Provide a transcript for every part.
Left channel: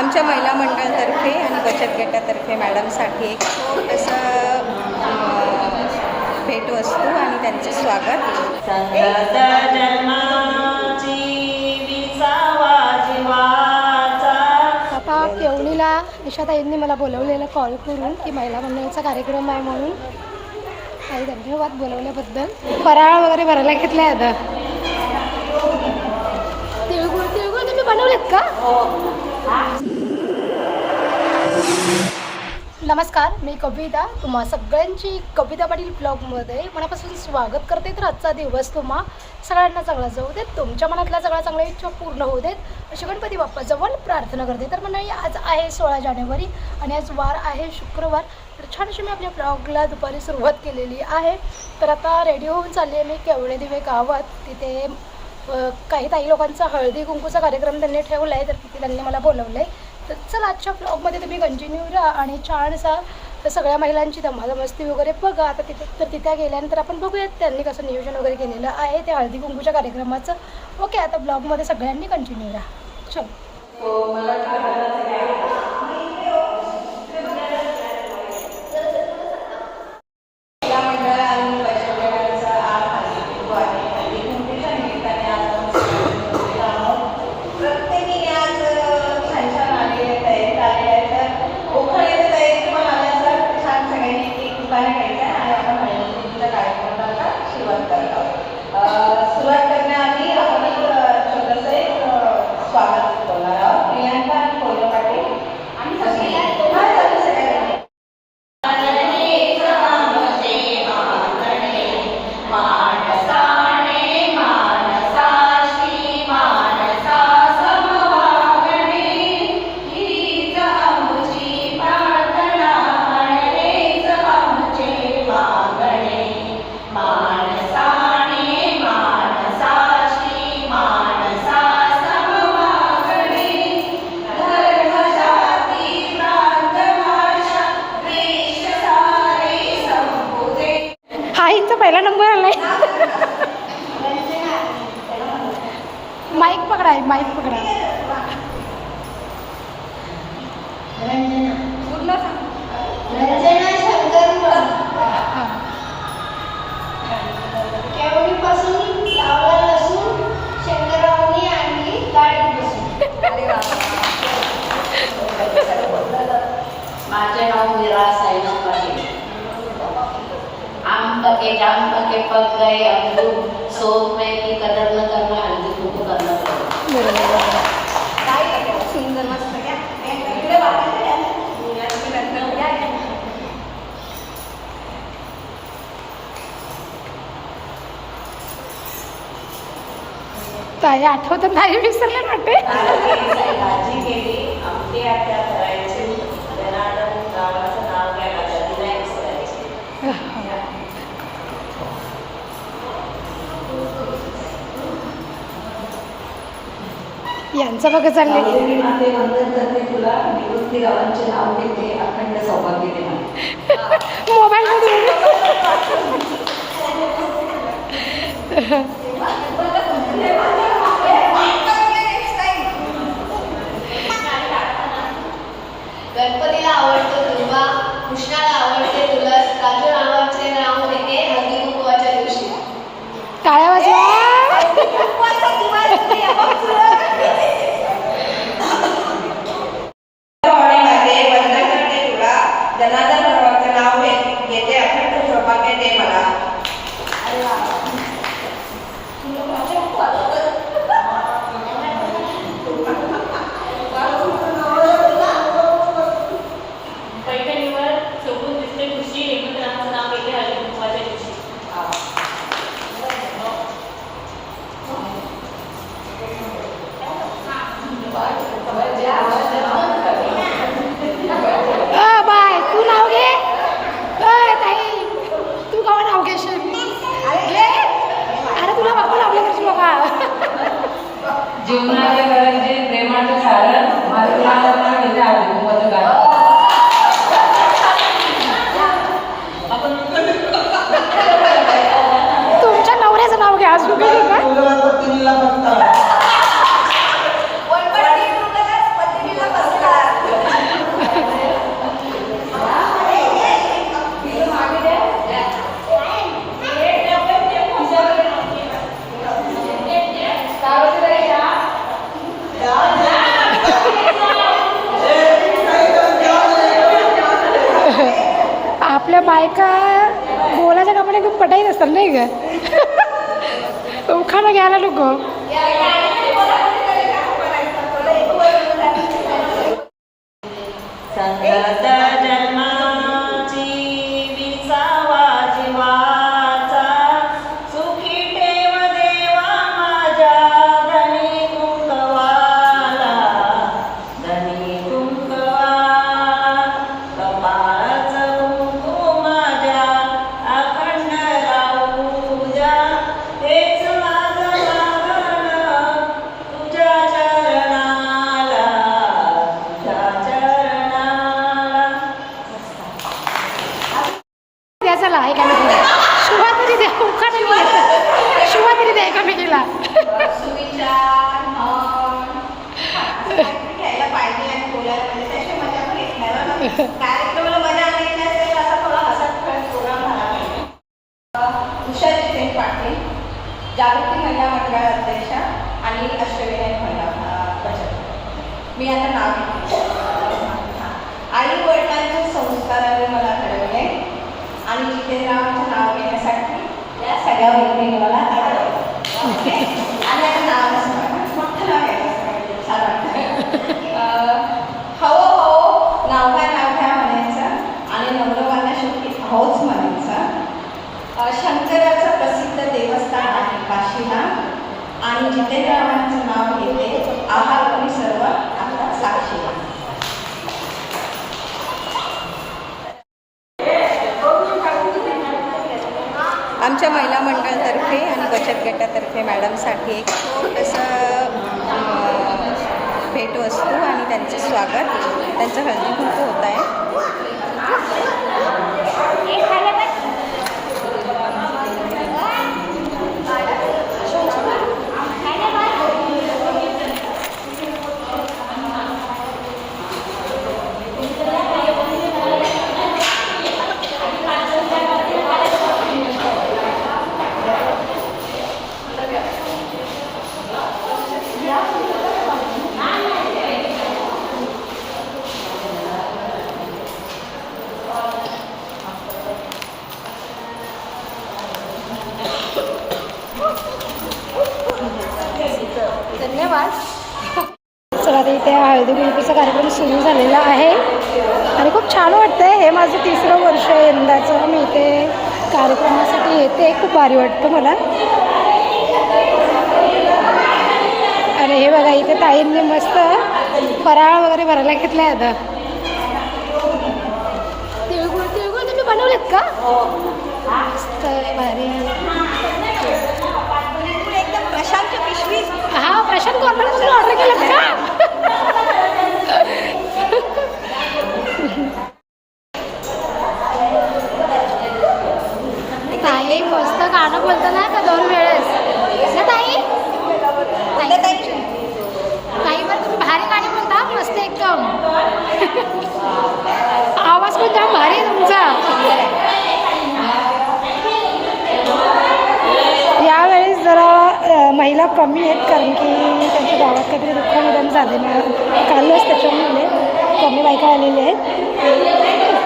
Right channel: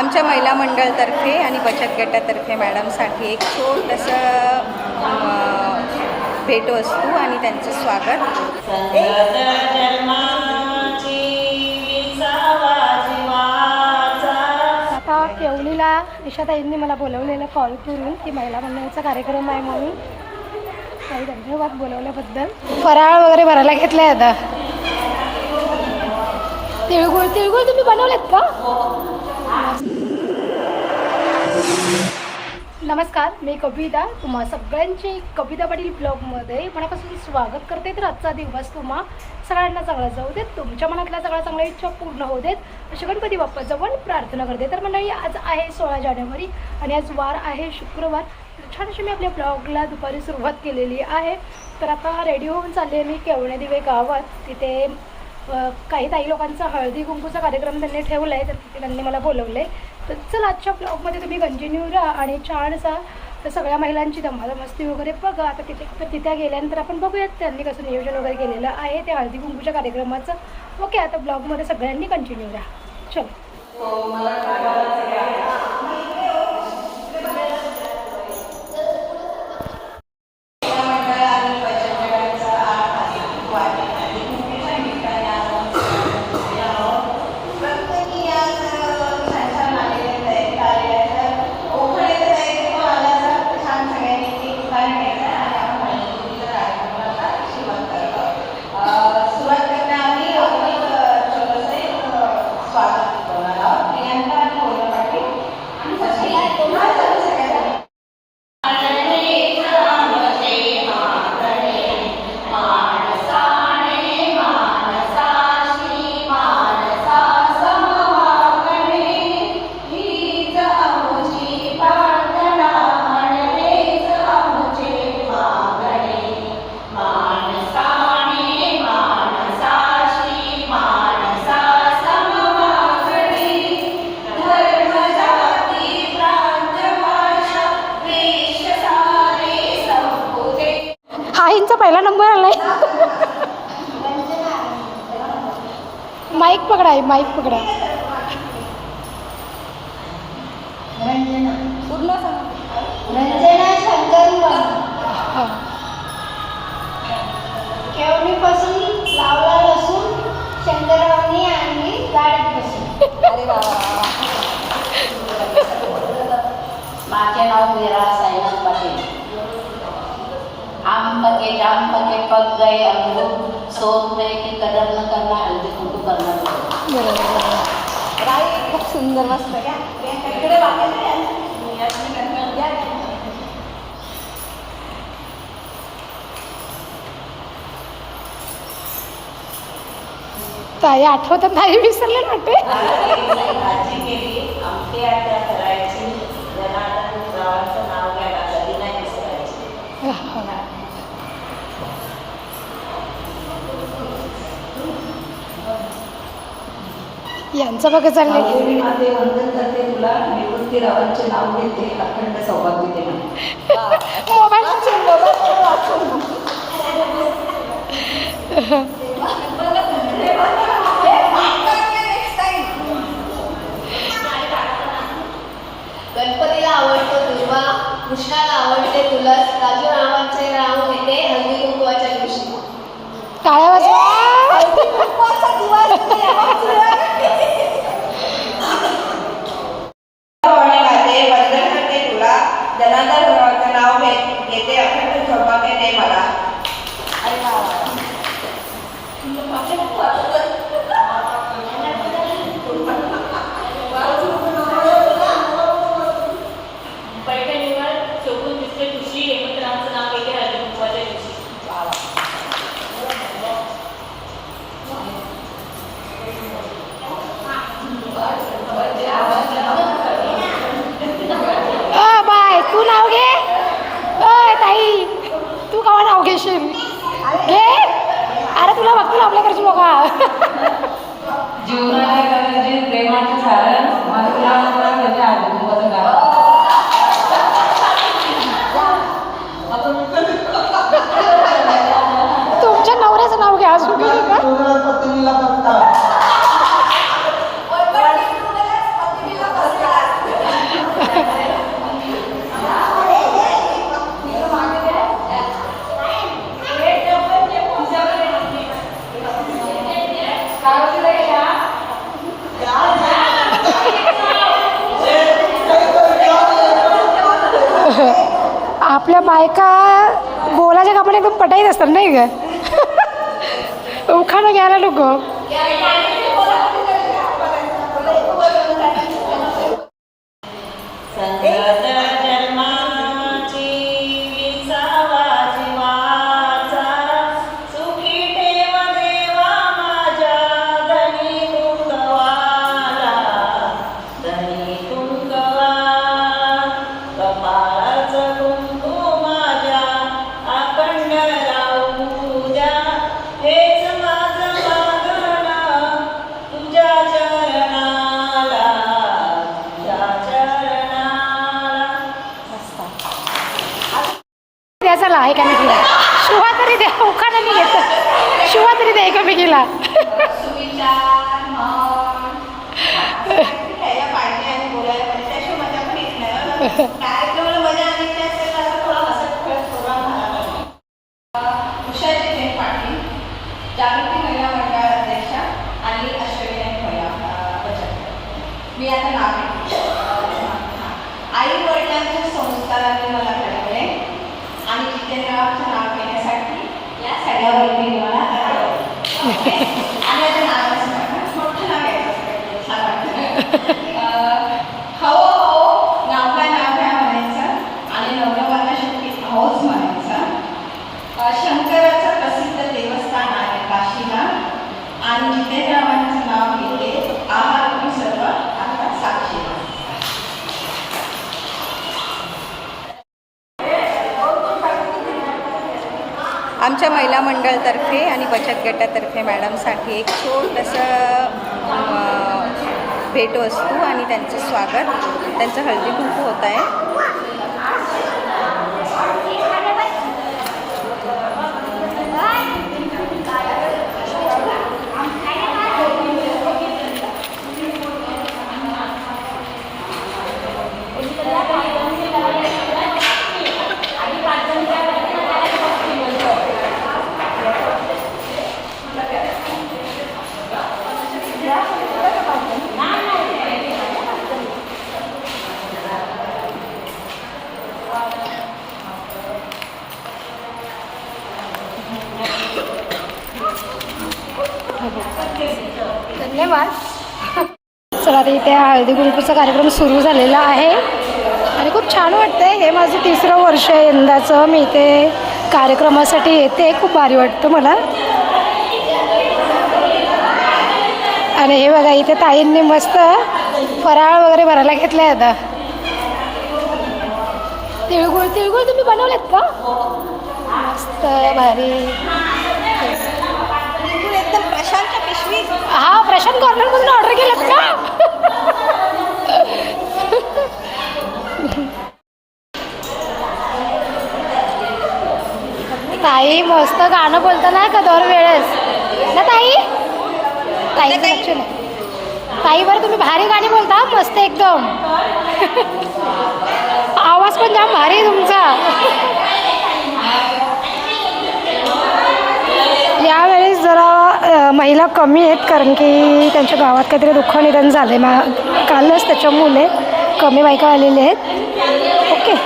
आमच्या महिला मंडळातर्फे आणि बचत गटातर्फे मॅडमसाठी एक छोटंसं भेटवस्तू आणि त्यांचे स्वागत. आता केवळीला निशाताईंनी मला बोलवलेलं कॉल करून की महिला मंडळाचा कार्यक्रम आहे म्हणून. काही धन्यवाद बोलवल्याबद्दल. फराळ वगैरे भरायला घेतलाय आता. तिळगुळ तिळगुळ तुम्ही बनवलेत का? नमस्कार, मी कविता. तुम्हा सगळ्यांची कविता पाटील ब्लॉगमध्ये मनापासून स्वागत करते. तर आजचा दिवस तुम्हा सगळ्यांना चांगला जाऊ देत, तुमच्या मनातल्या सगळ्या चांगल्या इच्छा पूर्ण होऊ देत अशी गणपती बाप्पाजवळ प्रार्थना करते. तर मंडळी, आज आहे 16 जानेवारी आणि आज वार आहे शुक्रवार. तर छान अशी मी आपल्या ब्लॉगला दुपारी सुरुवात केलेली आहे. तर आता रेडी होऊन चालली आहे मी केवणे दिवे गावात. तिथे काही ताई लोकांचा हळदी कुंकूचा कार्यक्रम त्यांनी ठेवला आहे, तर तिथे त्यांनी मला बोलवलं आहे. तर चला आजच्या ब्लॉगमध्ये तुम्ही कंटिन्यू राहा आणि छानसा सगळ्या महिलांची धमाधमस्ती वगैरे बघा. आता तिथे गेल्यानंतर आपण बघूयात त्यांनी कसं नियोजन वगैरे केलेलं आहे त्या हळदी कुंकूच्या कार्यक्रमाचं. ओके, आता ब्लॉगमध्ये सगळ्यांनी कंटिन्यू राहा. चलो. आईंचा पहिला नंबर आलाय. माईक पकडा, माईक पकडा. केवढीपासून लावला लसूण शंकररावनी आणि गाडीपासून. माझे नाव निराळा साईनाथ पाटील. आम पके जाम पके पक गए अमरूद सोच में की कदर न करना हल्दी कुंकू करना. ताई आठवत नाही, विसरले वाटते. भाजी केली आमटी आता करायची. जनार्दन गावाचं नाव घ्यायला कधी नाही विसरायचे. यांचं बघा चालले. ते वंदन करते तुला, निवृत्ती रावांचे नाव घेते, अखंड सौभाग्य दे मला. मोबाईल गणपतीला आवडतो दुर्वा, कृष्णाला आवडते तुलस, राजू नावाचे राव येते हळदी कुंकवाच्या दिवशी. टाळ्या वाजवा. जनार्दन गावाचं नाव घेते, अखंड सौभाग्य दे मला. पैठणीवर शोभून दिसते खुशी, हेमंतरावांचं नाव घेते हळदी कुंकवाच्या दिवशी. बाय, तू नाव घे. ताई, तू केव्हा नाव घेशील? घे. अरे तुला बघतो आपल्या घरची लोक. जीवनाच्या गरजे प्रेमाचं सारण माझं नाव घेते हळदी कुंकवाचं गाणं. तुमच्या नवऱ्याचं नाव घ्या. अजून काही का? पत्नीला आपल्या बायका बोलाच्या कामाने एकदम पटाईत असतात नाही का? उखाणं घ्यायला नको. संगत जन्माची विसावा जीवाचा सुखी ठेव देवा माझ्या धनी कुंकवाला धनी कुंकवा कपाळाच कुंकू माझ्या अखंड राहू द्या हेच माझं मागणं तुझ्या चरणाला तुझ्या चरणाला. द्या चला एकामेकीला. शिवा तरी द्या. उखाणं नाही येत. शिवा तरी द्या एकामेकीला. सुविचार म्हण घ्यायला पाहिजे आणि बोलायला पाहिजे, त्याशिवाय मजा पण येत नाही बरं. कार्यक्रमाला मजा आणायची असेल तर असा थोडा हसत खेळत प्रोग्राम झाला पाहिजे. उषा जितेन पाटील, जागृती महिला मंडळ अध्यक्ष आणि अष्टविनायक महिला बचत गट. मी आता नाव घेते. आई वडिलांच्या संस्काराने मला घडवले आणि जितेंद्ररावांचं नाव घेण्यासाठी या सगळ्या वहिनी मला घडवले. आणि आता नाव नसणार, मोठं नाव घ्यायचं सगळ्यांनी, छान वाटतं. हो हो नाव घ्या म्हणायचं आणि नम्रवांना शेवटी होच म्हणायचं. शंकराचं प्रसिद्ध देवस्थान आहे काशीनाथ आणि जितेंद्ररावांचं नाव घेते आहार तुम्ही सर्व आता साक्षीला. आमच्या महिला मंडळतर्फे आणि बचत गटातर्फे मॅडमसाठी एक छोटंसं भेटवस्तू आणि त्यांचं स्वागत, त्यांचं हळदी कुंकू होत आहे. धन्यवाद. चला आता इथे हळदी कुंकूचा कार्यक्रम सुरू झालेला आहे आणि खूप छान वाटतं. हे माझं 3रं वर्ष आहे यंदाचं. मी इथे कार्यक्रमासाठी येते. खूप भारी वाटतं मला. आणि हे बघा इथे ताईंनी मस्त फराळ वगैरे भरायला घेतला आहे. आता तिळगुळ तुम्ही बनवलेत का? मस्त भारी. एकदम प्रशांत पिशवी. हा प्रशांत कॉर्नरमधून ऑर्डर केलं का? ताई मस्त गाणं बोलतं ना का दरवेळेस ना ताई? ताईचं लक्ष नाही. ताई बरं तुम्ही भारी गाणी बोलता मस्त एकदम. आवाज पण जाम भारी आहे तुमचा. यावेळेस जरा महिला कमी आहेत कारण की त्यांच्या गावात काहीतरी दुःख निधन झालं आहे कालच, त्याच्यामुळे कमी बायका आलेल्या आहेत. ओके.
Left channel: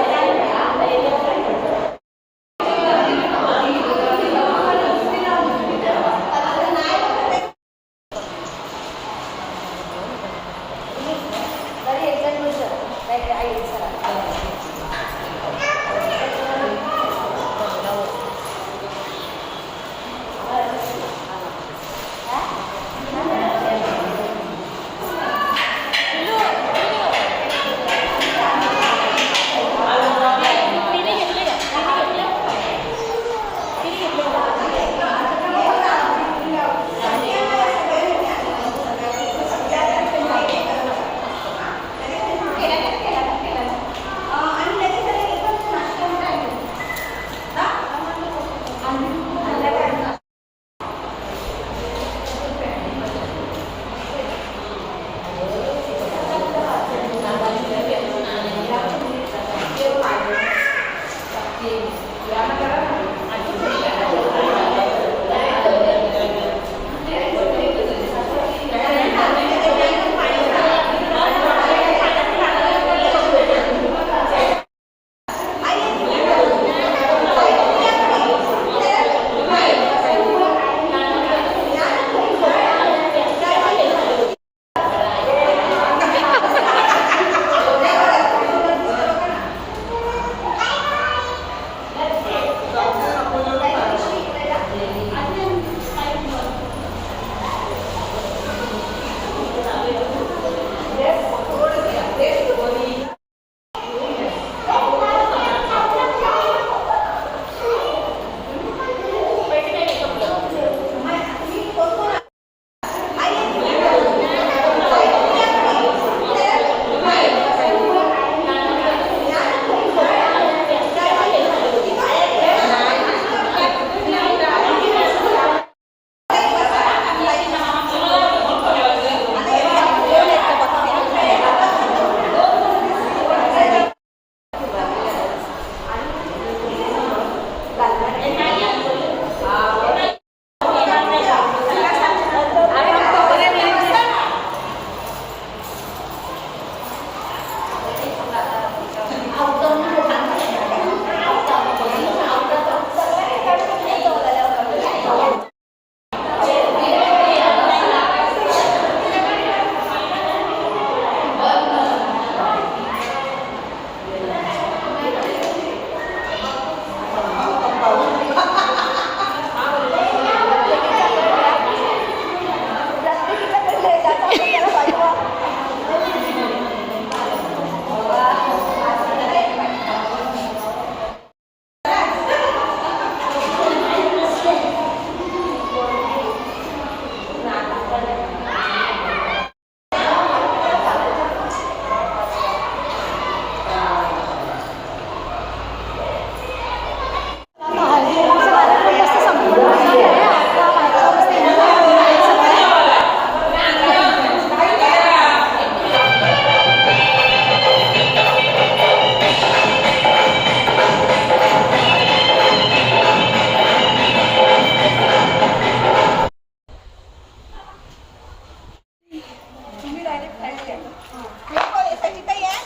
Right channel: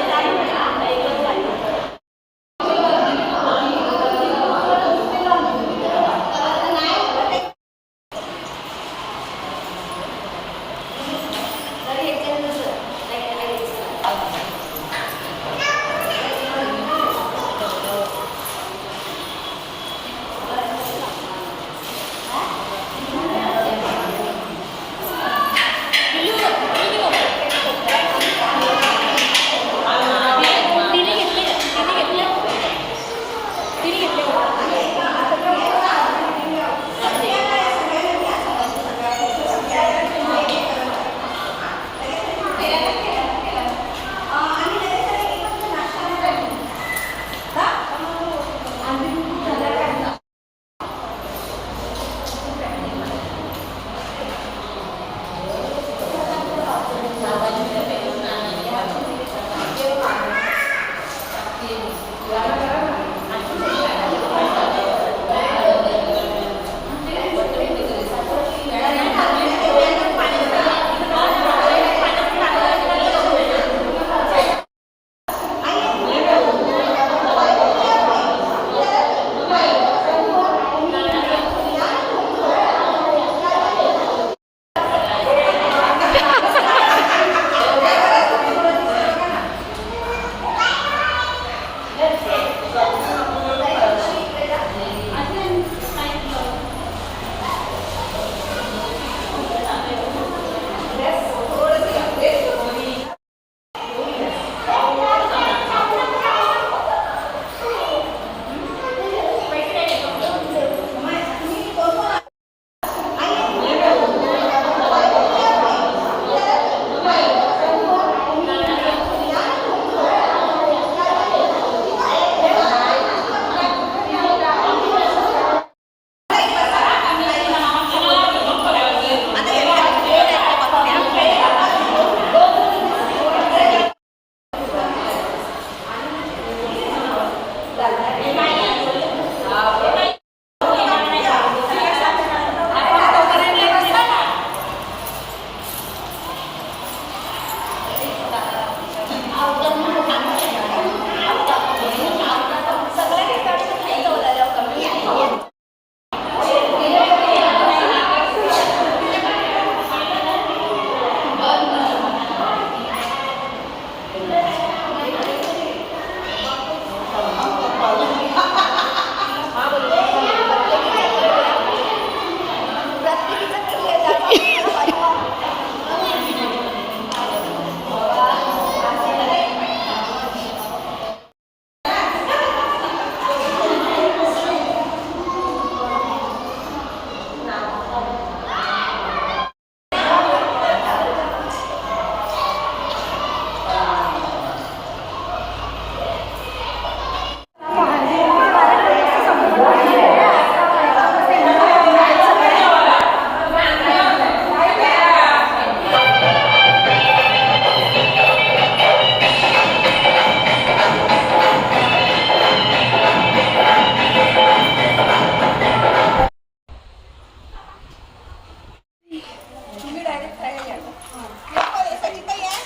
सचिताई आहे.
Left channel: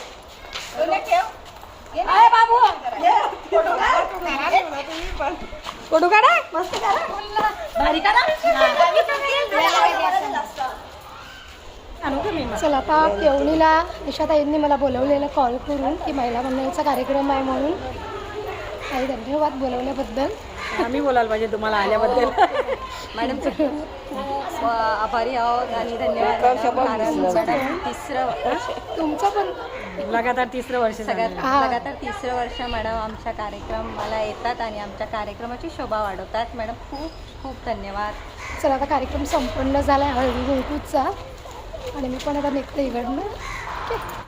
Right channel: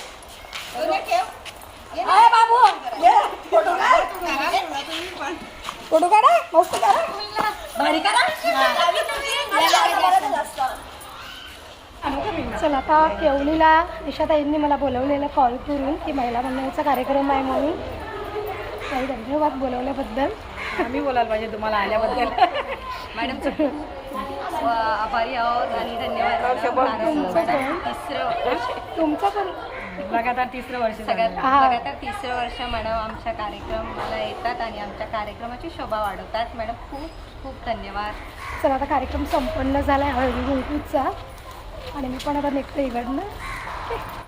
दोन्ही ठेव. ये ना. अरे बाबू ये. फोटो काढ. फोटो काढा. मस्त काढा. भारी काढा. चला आता केवणीला निशाताईंनी मला बोलवलेलं कॉल करून की महिला मंडळाचा कार्यक्रम आहे म्हणून. काही धन्यवाद बोलवल्याबद्दल. आम्ही बोलायला पाहिजे तुम्हाला आल्याबद्दल. मॅडम खूप आभारी आहोत आणि धन्यवाद. तुमचं पण तुमचं पण लगातार 3रं वर्ष झालं. लगातार 3रं वर्ष मॅडम आमच्या कार्यक्रमाला येतात आणि आमच्या कार्यक्रमाची शोभा वाढवतात. मॅडम खूप खूप धन्यवाद. चला आता कार्यक्रम संपन्न झाला आहे हळदी कुंकूचा आणि मी पण आता निघते इकडनं.